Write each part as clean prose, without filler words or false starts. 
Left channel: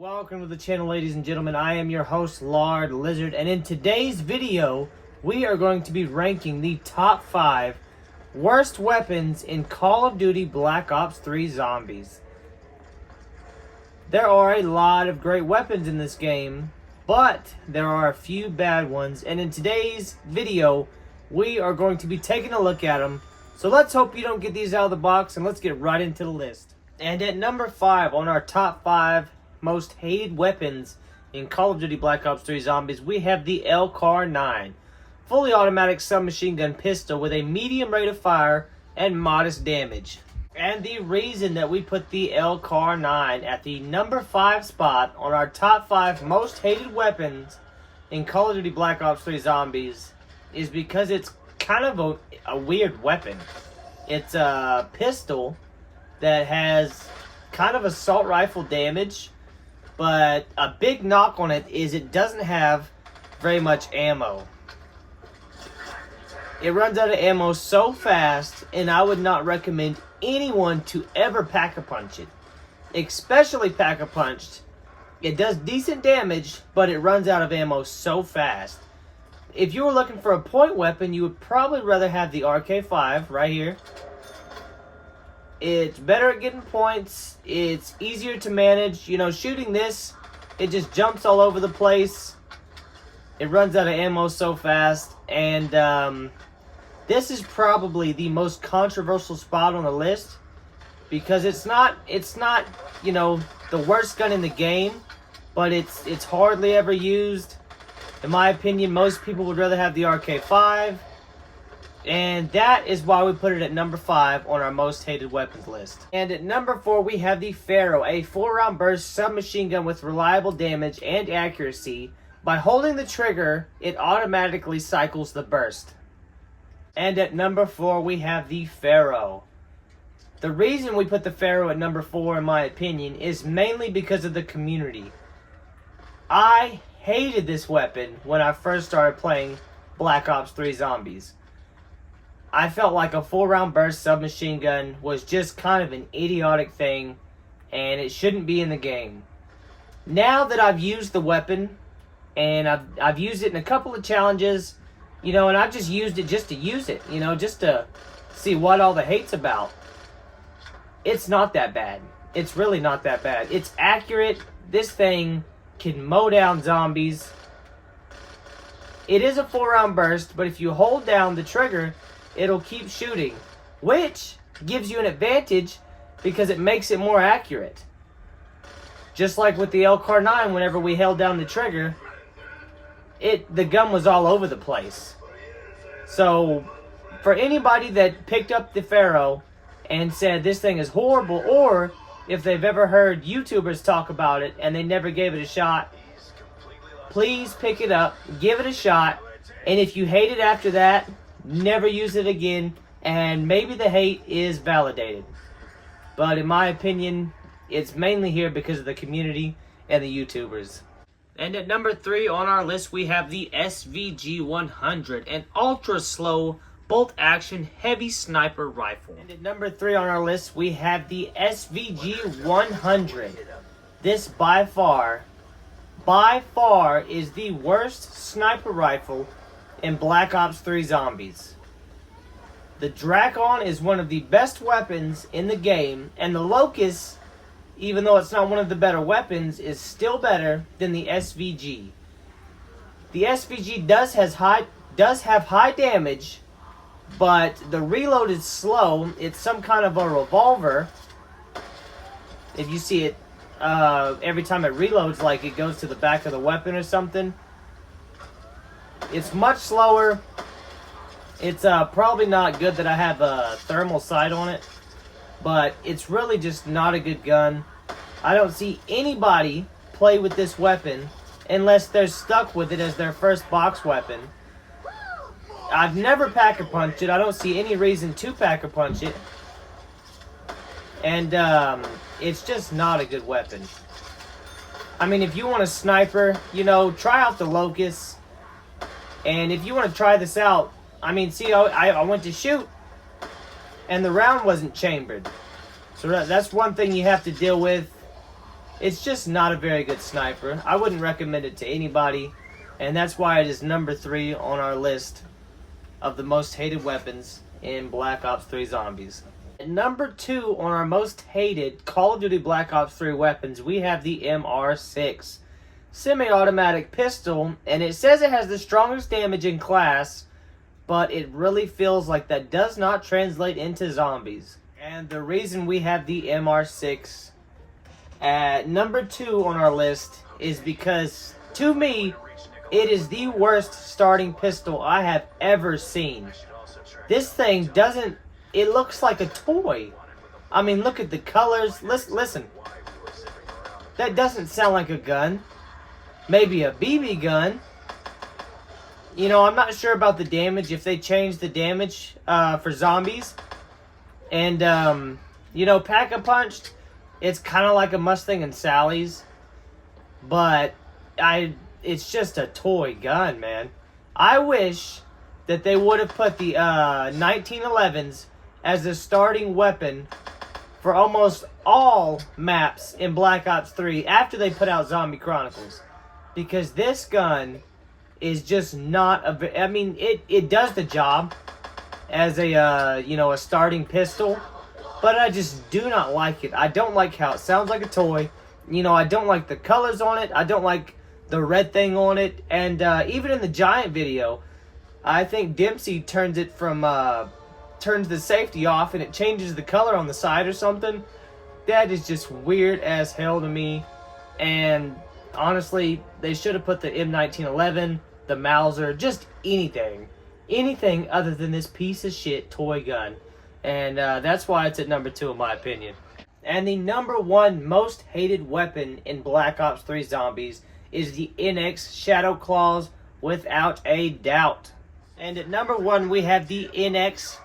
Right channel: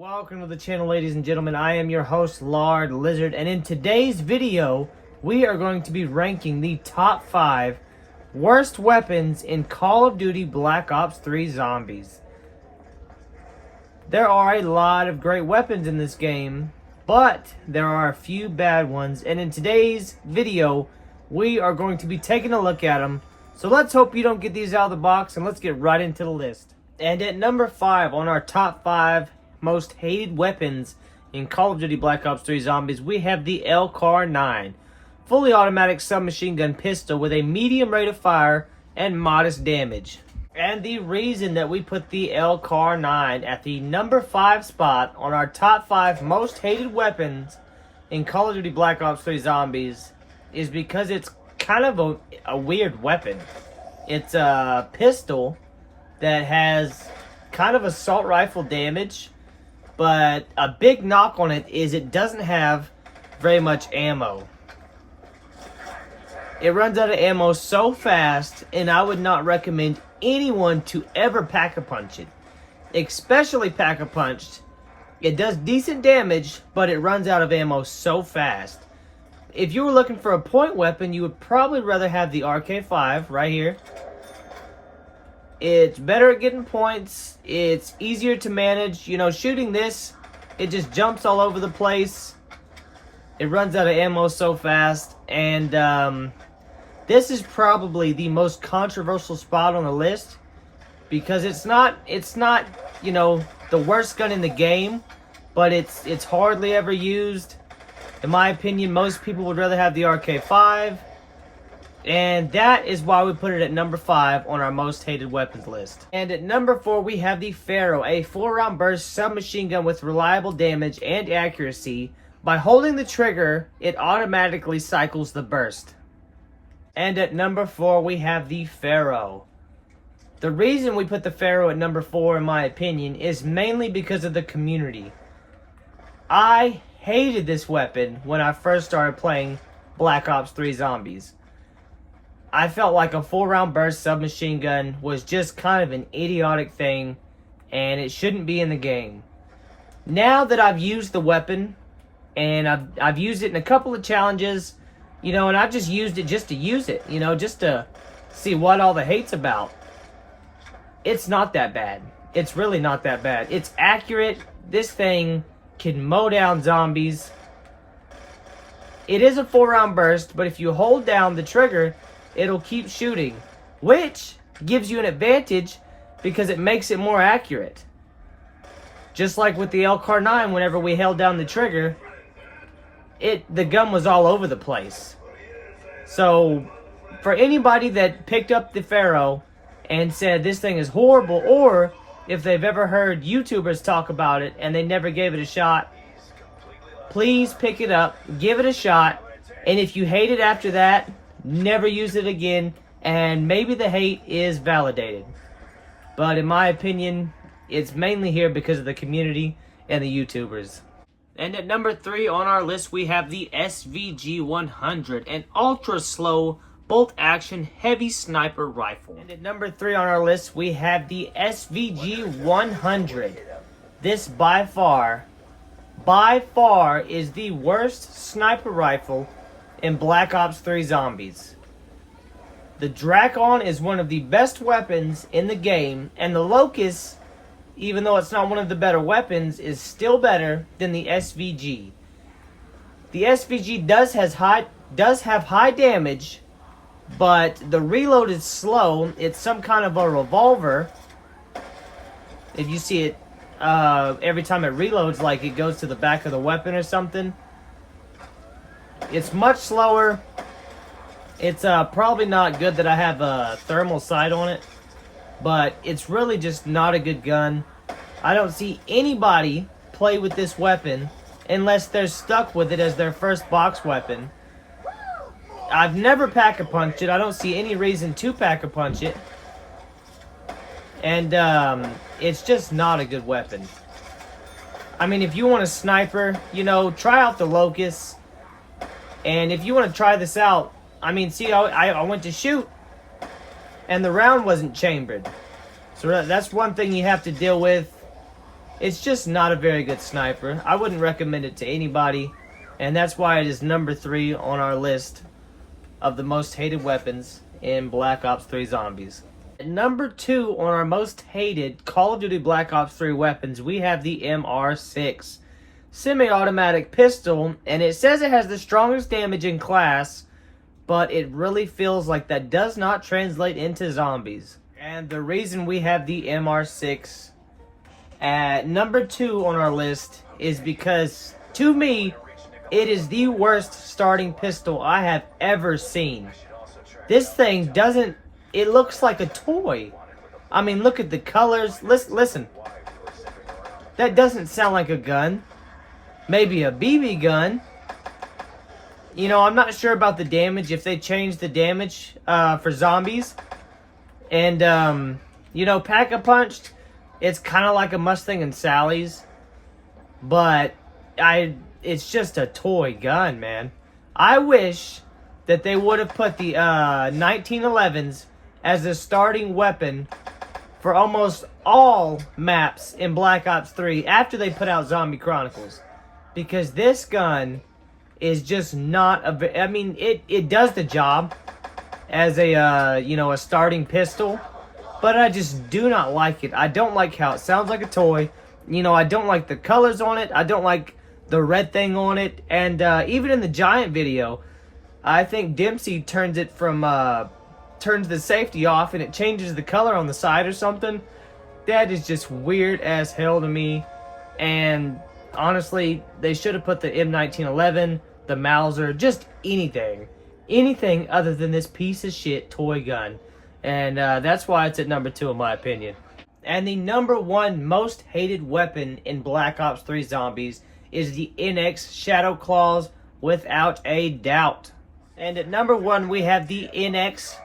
Welcome to the channel, ladies and gentlemen. I am your host, Lard Lizard, and in today's video, we are going to be ranking the top 5 worst weapons in Call of Duty Black Ops 3 Zombies. There are a lot of great weapons in this game, but there are a few bad ones, and in today's video, we are going to be taking a look at them. So let's hope you don't get these out of the box, and let's get right into the list. And at number 5 on our top 5 most hated weapons in Call of Duty Black Ops 3 Zombies, we have the LCAR-9, fully automatic submachine gun pistol with a medium rate of fire and modest damage. And the reason that we put the LCAR-9 at the number 5 spot on our top 5 most hated weapons in Call of Duty Black Ops 3 Zombies is because it's kind of a weird weapon. It's a pistol that has kind of assault rifle damage, but a big knock on it is it doesn't have very much ammo. It runs out of ammo so fast, and I would not recommend anyone to ever pack-a-punch it. Especially pack-a-punched. It does decent damage, but it runs out of ammo so fast. If you were looking for a point weapon, you would probably rather have the RK5 right here. It's better at getting points. It's easier to manage. You know, shooting this, it just jumps all over the place. It runs out of ammo so fast. And this is probably the most controversial spot on the list because it's not, you know, the worst gun in the game, but it's hardly ever used. In my opinion, most people would rather have the RK5. And that is why we put it at number 5 on our most hated weapons list. And at number 4, we have the Pharo, a 4-round burst submachine gun with reliable damage and accuracy. By holding the trigger, it automatically cycles the burst. And at number 4, we have the Pharo. The reason we put the Pharo at number 4, in my opinion, is mainly because of the community. I hated this weapon when I first started playing Black Ops 3 Zombies. I felt like a 4-round burst submachine gun was just kind of an idiotic thing, and it shouldn't be in the game. Now that I've used the weapon, and I've used it in a couple of challenges, you know, and I've just used it just to use it, you know, just to see what all the hate's about. It's not that bad. It's really not that bad. It's accurate. This thing can mow down zombies. It is a 4-round burst, but if you hold down the trigger, it'll keep shooting, which gives you an advantage because it makes it more accurate. Just like with the LCAR-9, whenever we held down the trigger, the gun was all over the place. So, for anybody that picked up the Pharo and said this thing is horrible, or if they've ever heard YouTubers talk about it and they never gave it a shot, please pick it up, give it a shot, and if you hate it after that, never use it again, and maybe the hate is validated. But in my opinion, it's mainly here because of the community and the YouTubers. And at number 3 on our list, we have the SVG-100, an ultra-slow bolt-action heavy sniper rifle. And at number 3 on our list, we have the SVG-100. This by far is the worst sniper rifle in Black Ops 3 Zombies. The Drakon is one of the best weapons in the game, and the Locust, even though it's not one of the better weapons, is still better than the SVG. The SVG does have high damage, but the reload is slow. It's some kind of a revolver. If you see it, every time it reloads, like it goes to the back of the weapon or something. It's much slower. It's probably not good that I have a thermal sight on it, but it's really just not a good gun. I don't see anybody play with this weapon unless they're stuck with it as their first box weapon. I've never pack-a-punched it. I don't see any reason to pack-a-punch it. And it's just not a good weapon. I mean, if you want a sniper, you know, try out the Locust. And if you want to try this out, I mean, see, I went to shoot, and the round wasn't chambered. So that's one thing you have to deal with. It's just not a very good sniper. I wouldn't recommend it to anybody, and that's why it is number 3 on our list of the most hated weapons in Black Ops 3 Zombies. At number 2 on our most hated Call of Duty Black Ops 3 weapons, we have the MR6 semi-automatic pistol, and it says it has the strongest damage in class, but it really feels like that does not translate into zombies. And the reason we have the MR6 at number 2 on our list is because, to me, it is the worst starting pistol I have ever seen. This thing doesn't, it looks like a toy. I mean, look at the colors. Listen. That doesn't sound like a gun. Maybe a BB gun. You know, I'm not sure about the damage, if they changed the damage for zombies. And, you know, Pack-a-Punched, it's kind of like a Mustang and Sally's. But it's just a toy gun, man. I wish that they would have put the 1911s as a starting weapon for almost all maps in Black Ops 3 after they put out Zombie Chronicles. Because this gun is just not a... I mean, it does the job as a, you know, a starting pistol. But I just do not like it. I don't like how it sounds like a toy. You know, I don't like the colors on it. I don't like the red thing on it. And even in the Giant video, I think Dempsey turns it from... turns the safety off and it changes the color on the side or something. That is just weird as hell to me. And honestly, they should have put the M1911, the Mauser, just anything. Anything other than this piece of shit toy gun. And that's why it's at number 2 in my opinion. And the number 1 most hated weapon in Black Ops 3 Zombies is the NX Shadow Claws, without a doubt. And at number 1 we have the NX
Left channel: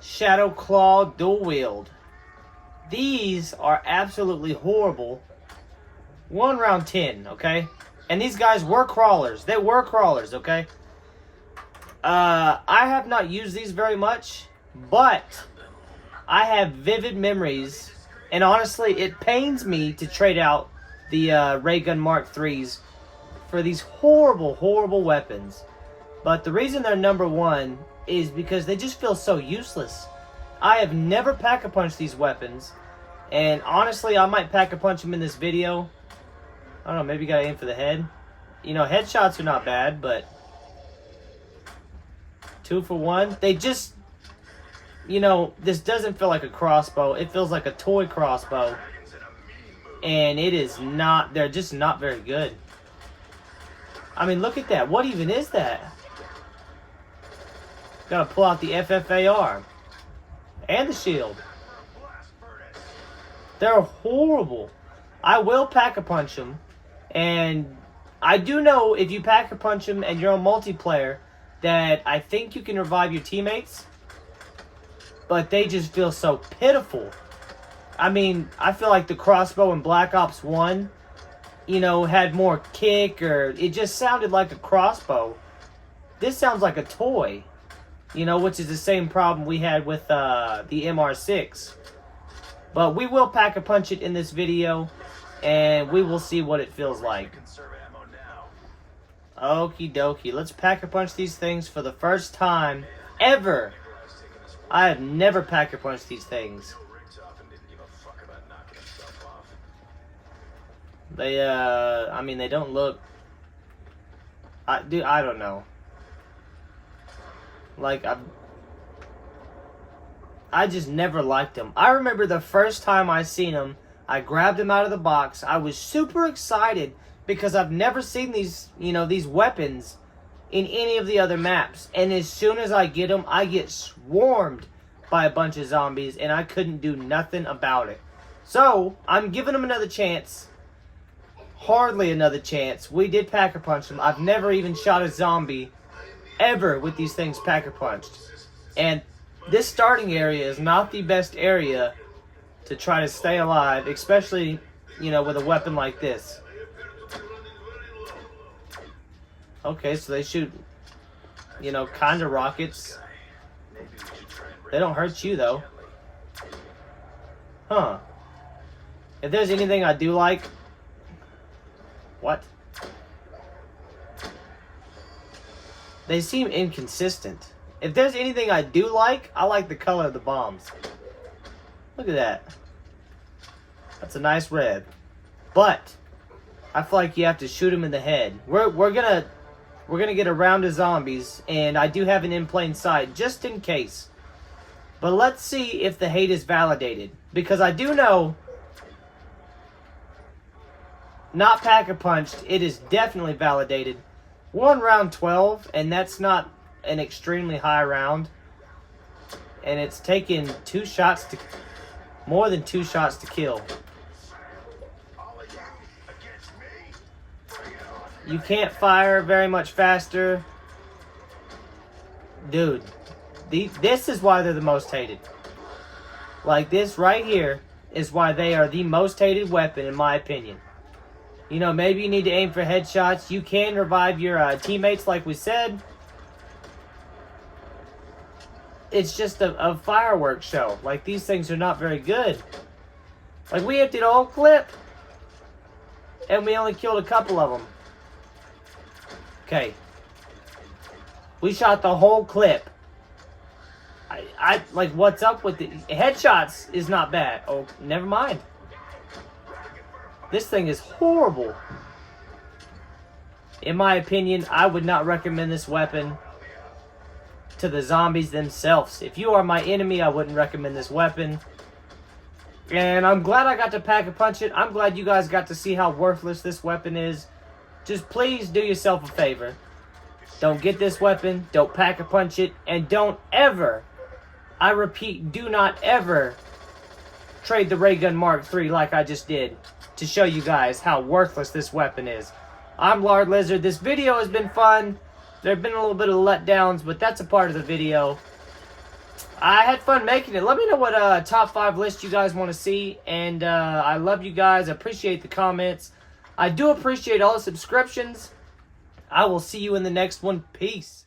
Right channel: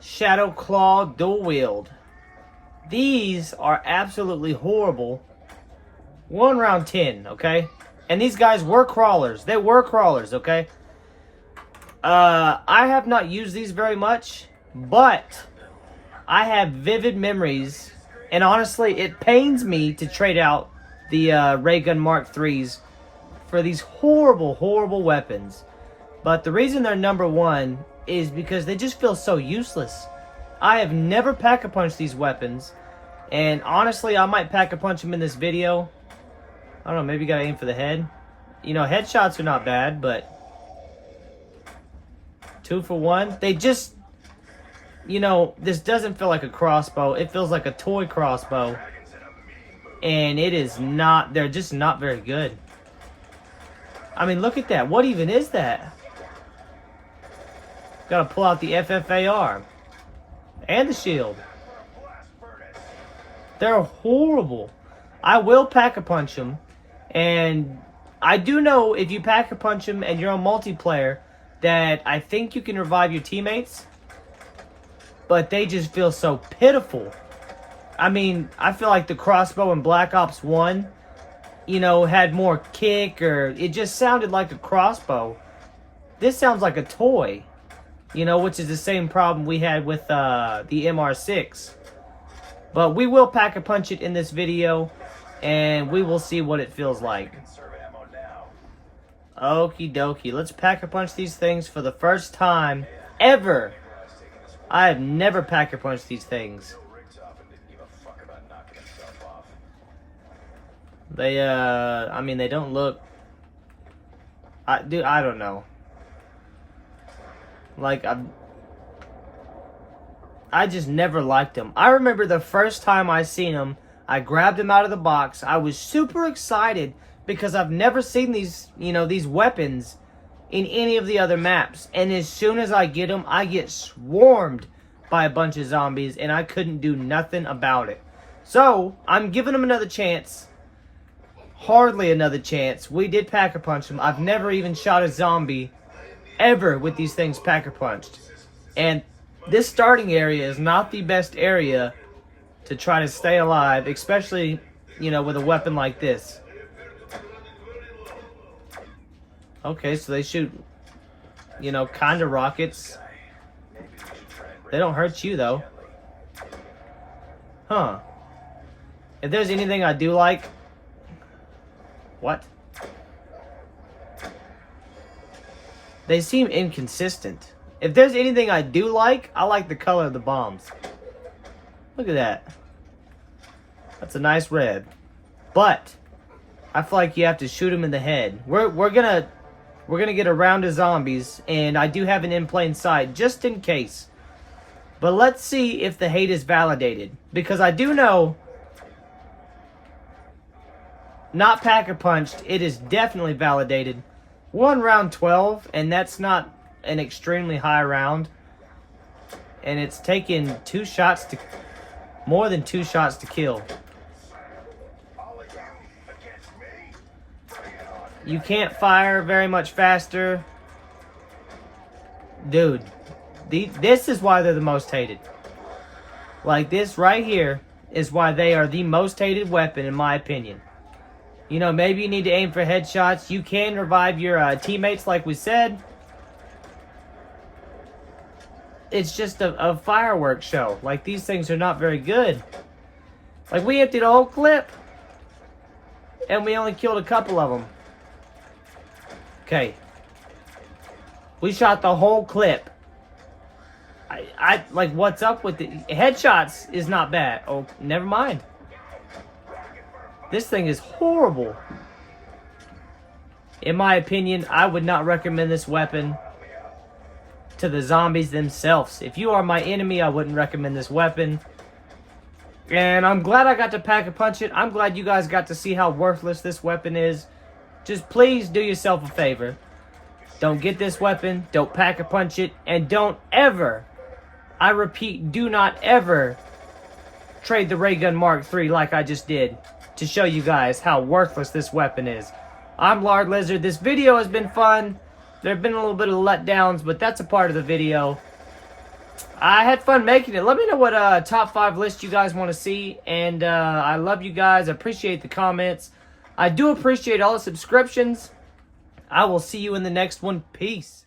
Shadow Claw Dual Wield. These are absolutely horrible. 1 round 10, okay? And these guys were crawlers. They were crawlers, okay? I have not used these very much, but I have vivid memories, and honestly, it pains me to trade out the Ray Gun Mark IIIs for these horrible, horrible weapons. But the reason they're number 1 is because they just feel so useless. I have never pack-a-punched these weapons, and honestly, I might pack-a-punch them in this video. I don't know, maybe gotta aim for the head. You know, headshots are not bad, but 2 for 1. They just, you know, this doesn't feel like a crossbow. It feels like a toy crossbow. And it is not, they're just not very good. I mean, look at that. What even is that? Gotta pull out the FFAR. And the shield. They're horrible. I will pack-a-punch them. And I do know if you pack-a-punch them and you're on multiplayer, that I think you can revive your teammates. But they just feel so pitiful. I mean, I feel like the crossbow in Black Ops 1, you know, had more kick, or it just sounded like a crossbow. This sounds like a toy, you know, which is the same problem we had with the MR6. But we will pack-a-punch it in this video, and we will see what it feels like. Okie dokie, let's pack-a-punch these things for the first time ever. I have never pack-a-punched these things. They, I mean, they don't look... Dude, I don't know. Like, I just never liked them. I remember the first time I seen them, I grabbed them out of the box. I was super excited because I've never seen these, you know, these weapons in any of the other maps. And as soon as I get them, I get swarmed by a bunch of zombies, and I couldn't do nothing about it. So, I'm giving them another chance. Hardly another chance. We did pack-a-punch them. I've never even shot a zombie ever with these things pack-a-punched. And this starting area is not the best area to try to stay alive, especially, you know, with a weapon like this. Okay, so they shoot, you know, kind of rockets. They don't hurt you, though. Huh. If there's anything I do like What? They seem inconsistent. If there's anything I do like, I like the color of the bombs. Look at that. That's a nice red. But I feel like you have to shoot them in the head. We're gonna get a round of zombies, and I do have an in plain sight just in case. But let's see if the hate is validated, because I do know, not pack-a-punched, it is definitely validated. We're on round 12, and that's not an extremely high round. And it's taken more than 2 shots to kill. You can't fire very much faster. Dude, this is why they're the most hated. Like, this right here is why they are the most hated weapon, in my opinion. You know, maybe you need to aim for headshots. You can revive your teammates, like we said. It's just a fireworks show. Like, these things are not very good. Like, we emptied a whole clip, and we only killed a couple of them. Okay. We shot the whole clip. I like, what's up with the headshots is not bad. Oh, never mind. This thing is horrible. In my opinion, I would not recommend this weapon to the zombies themselves. If you are my enemy, I wouldn't recommend this weapon. And I'm glad I got to pack-a-punch it. I'm glad you guys got to see how worthless this weapon is. Just please do yourself a favor. Don't get this weapon. Don't pack-a-punch it. And don't ever, I repeat, do not ever trade the Ray Gun Mark III like I just did to show you guys how worthless this weapon is. I'm Lard Lizard. This video has been fun. There have been a little bit of letdowns, but that's a part of the video. I had fun making it. Let me know what top 5 list you guys want to see. And I love you guys. I appreciate the comments. I do appreciate all the subscriptions. I will see you in the next one. Peace.